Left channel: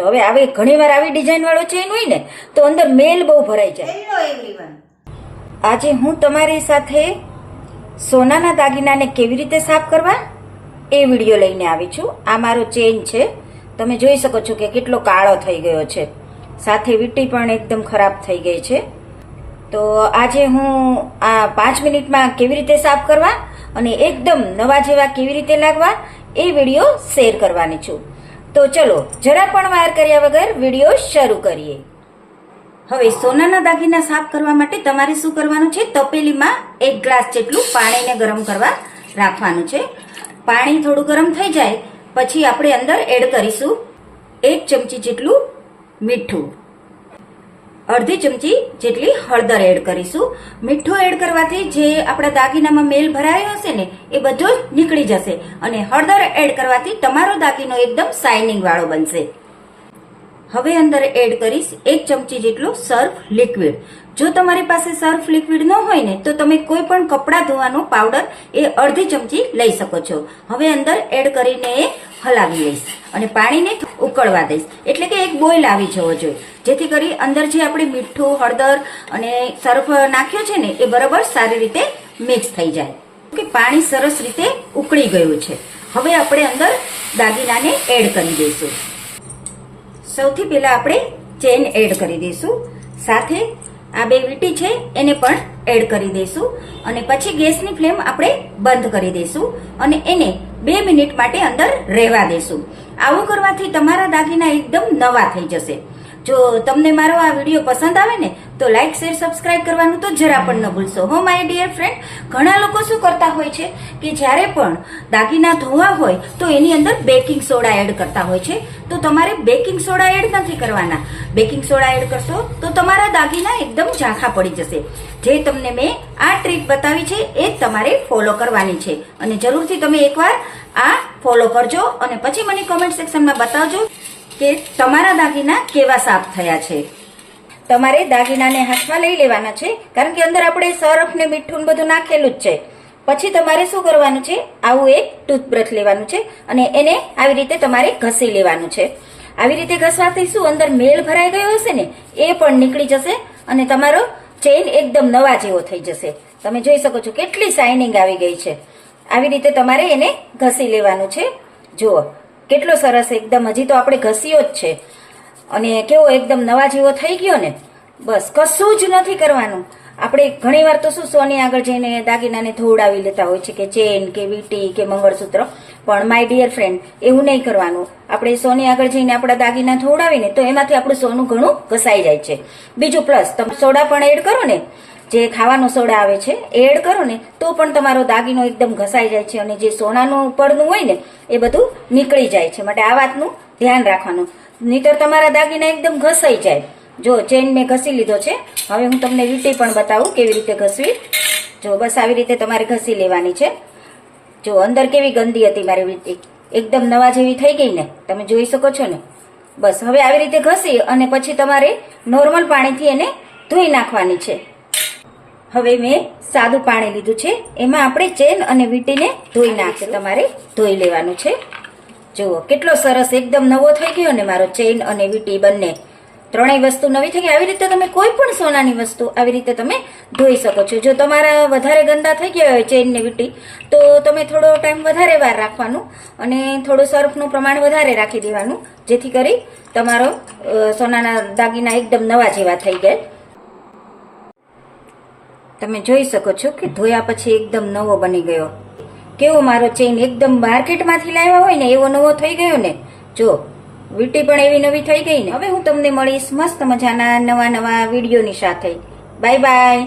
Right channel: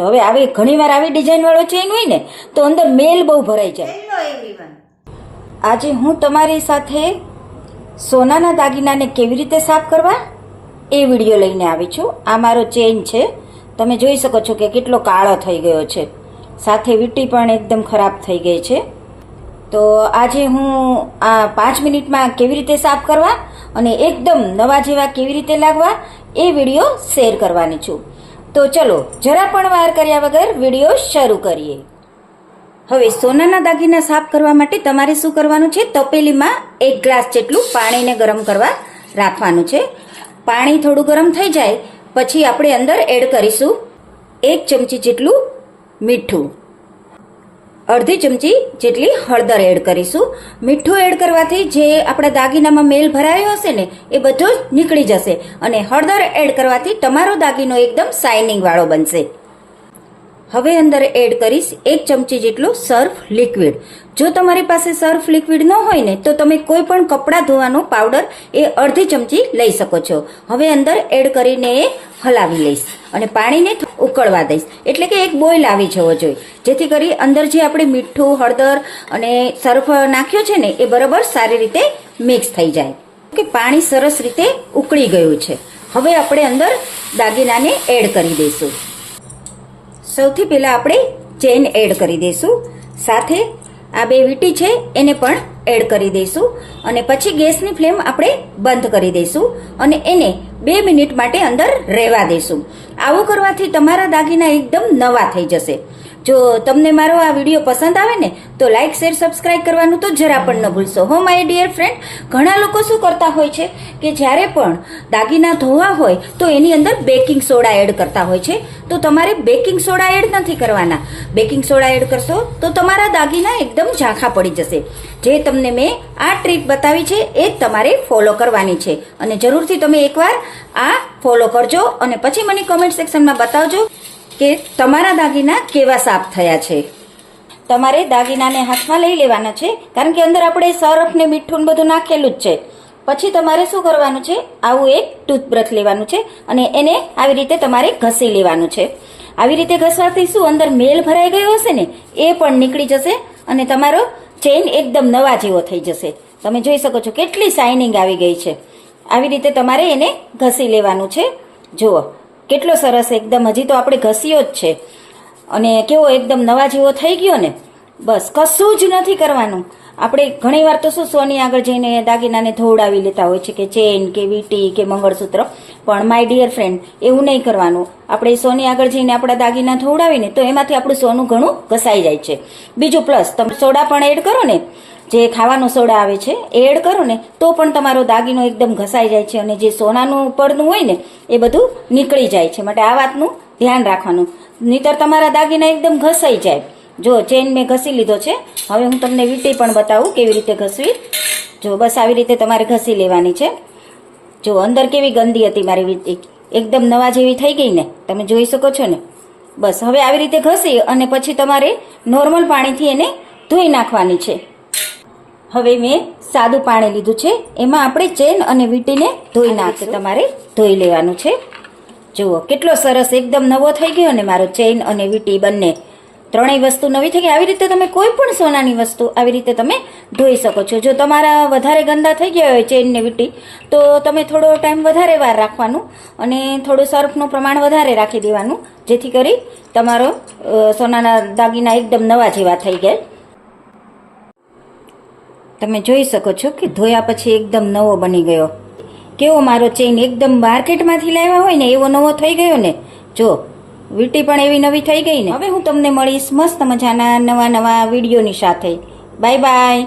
હવે આવી ઘણીવાર આવી ડિઝાઇન વાળો ચેન હોય ને તો અંદર મેલ બહુ ભરાઈ જાય. હેલો એવરીવન આજે હું તમારી સાથે સોનાના દાગીનાને કેવી રીતે સાફ કરવા? એ વીડિયો લઈને આવી છું. આ મારો ચેન છે. તમે જોઈ શકો છો કે કેટલો કાળો થઈ ગયો છે. સાથે વીટી પણ એકદમ ખરાબ થઈ ગઈ છે. તો આજે હું આ પાંચ મિનિટમાં કેવી રીતે સાફ કરવા અને એકદમ નવા જેવા કેવી રીતે લાગવા એ વીડિયો શેર કરવાની છું. તો ચલો, જરા પણ વાર કર્યા વગર વીડિયો શરૂ કરીએ. હવે સોનાના દાગીના સાફ કરવા માટે તમારે શું કરવાનું છે? તપેલીમાં એક ગ્લાસ જેટલું પાણીને ગરમ કરવા રાખવાનું છે. પાણી થોડું ગરમ થઈ જાય, પછી આપણે અંદર એડ કરીશું એક ચમચી જેટલું મીઠું. અડધી ચમચી જેટલી હળદર એડ કરીશું. મીઠું એડ કરવાથી જે આપણા દાગીનામાં મેલ ભરાયો હશે ને, એ બધો જ નીકળી જશે. અને હળદર એડ કરવાથી તમારો દાગીનો એકદમ શાઇનિંગ વાળો બનશે. હવે અંદર એડ કરીશ એક ચમચી જેટલું સર્ફ લિક્વિડ જો તમારી પાસે સર્ફ લિક્વિડ ન હોય ને, તો તમે કોઈ પણ કપડાં ધોવાનો પાવડર એ અડધી ચમચી લઈ શકો છો. હવે અંદર એડ કરીને એ હલાવી લઈશ અને પાણીને ઉકળવા દઈશ. એટલે કે એક બોઇલ આવી જવો જોઈએ. જેથી કરી અંદર જે આપણે મીઠું, હળદર અને સર્ફ નાખ્યો છે ને, એ બરાબર સારી રીતે મિક્સ થઈ જાય. કે પાણી સરસ રીતે ઉકળી ગયું છે. હવે આપણે અંદર દાગીનાને એડ કરી દઈશું. સૌથી પહેલાં આપણે ચેન એડ કરી દઈશું. સાથે આ બે વીટી છે, એને પણ એડ કરી દઈશું. અને પછી ગેસની ફ્લેમ આપણે બંધ કરી દઈશું. અને એને બે મિનિટ માટે અંદર રહેવા દેશું. આવું કરવાથી તમારા દાગીના એકદમ નવા થઈ જશે. જો તમને મારો આ વીડિયો પસંદ આવે ને, તો લાઇક શેર સબસ્ક્રાઇબ કરવાનું તો જરા પણ ન ભૂલશો. હો માય ડિયર ફ્રેન્ડ ઘણા લોકો શું કરતા હોય છે કે જ્યારે પણ દાગીના ધોવા હોય તો એની અંદર બેકિંગ સોડા એડ કરતા હોય છે. તો તમારે બેકિંગ સોડા એડ નથી કરવાના. બેકિંગ સોડા એડ કરશો તો તમારા દાગીના એકદમ ઝાંખા પડી જશે. જે તમને મેં આ ટ્રીક બતાવી છે એ તમારે ફોલો કરવાની છે. અને જરૂરથી તમે એકવાર આ ફોલો કરજો અને પછી મને કોમેન્ટ સેક્શનમાં બતાવજો કે તમારા દાગીના કેવા સાફ થયા છે. તમારે દાગીનાને હાથમાં લઈ લેવાના છે, કારણ કે અંદર આપણે સરફ ને મીઠું બધું નાખેલું જ છે. પછી તમારે શું કરવાનું છે? આવું એક ટૂથબ્રશ લેવાનું છે અને એને આવી રીતે તમારે ઘસી લેવાનું છે. આવી રીતે ઘસવાથી શું? અંદર મેલ ભરાઈ ગયો હશે ને, એ પણ નીકળી જશે અને તમારો ચેઇન એકદમ નવા જેવો થઈ જશે. તમે જોઈ શકો છો કેટલી શાઇનિંગ આવી ગઈ છે. આવી રીતે તમારે એને ઘસી લેવાનું છે. જુઓ, કેટલો સરસ એકદમ, હજી તો આપણે ઘસ્યો જ છે. અને કેવો એકદમ નવા જેવો થઈ ગયો ને. બસ, કશું જ નથી કરવાનું. આપણે ઘણીવાર તો શું સોની આગળ જઈને દાગીનાને ધોવડાવી લેતા હોય છે કે ચેન કે વીટી કે મંગળસૂત્ર. પણ માય ડિયર ફ્રેન્ડ, એવું નહીં કરવાનું. આપણે સોની આગળ જઈને આપણા દાગીના ધોવડાવીને તો એમાંથી આપણું સોનું ઘણું ઘસાઈ જાય છે. બીજું પ્લસ, તમે સોડા પણ એડ કરો ને. જે ખાવાનો સોડા આવે છે એ એડ કરો ને તો પણ તમારો દાગીનો એકદમ ઘસાઈ જાય છે અને જે સોનાનું પડનું હોય ને, એ બધું નીકળી જાય છે. માટે આ વાતનું ધ્યાન રાખવાનું. નહીતર તમારા દાગીના એકદમ ઘસાઈ જાય. જો ચેન મેં ઘસી લીધો છે, હવે હું તમને વીંટી પણ બતાવું કેવી રીતે ઘસવી. જો બસ આવી રીતે તમારે ઘસી લેવાની છે. જો અંદર કેવી ગંદી હતી મારી વીંટી એકદમ નવા જેવી થઈ ગઈ ને, તમે જોઈ શકો છો ને. બસ હવે આવી રીતે ઘસી અને પછી તમારે નોર્મલ પાણીથી એને ધોઈ નાખવાની છે. હવે મેં સાદું પાણી લીધું છે. એમાં આપણે ચેન અને વીટીને ધોઈ નાખશે તમારે ધોઈ લેવાનું છે. જુઓ, કેટલો સરસ એકદમ નવો થઈ ગયો ને મારો ચેઇન અને વીટી બંને. ત્રણેય વસ્તુ નવી થઈ ગઈ. આવી રીતે તમે કોઈ પણ સોનાની વસ્તુ આવી રીતે તમે ધોઈ શકો છો. જો તમારા વધારે ગંદા થઈ ગયા હોય ચેઇન ને વીટી, તો તમે થોડો ટાઈમ વધારે વાર રાખવાનું અને થોડું સર્ફનું પ્રમાણ વધારે રાખી દેવાનું, જેથી કરી તમારો સોનાના દાગીના એકદમ નવા જેવા થઈ ગયા. તમે જોઈ શકો છો કે ધોયા પછી એકદમ નવો બની ગયો. કેવો મારો ચેઇન એકદમ માર્કેટમાંથી લાવ્યા હોય ને એવો નવો થઈ ગયો ને? જો, વીટી પણ એવી નવી થઈ ગઈ ને. હવે હું તમને મળીશ મસ્ત મજાના નવા નવા વિડીયોની સાથે. Bye bye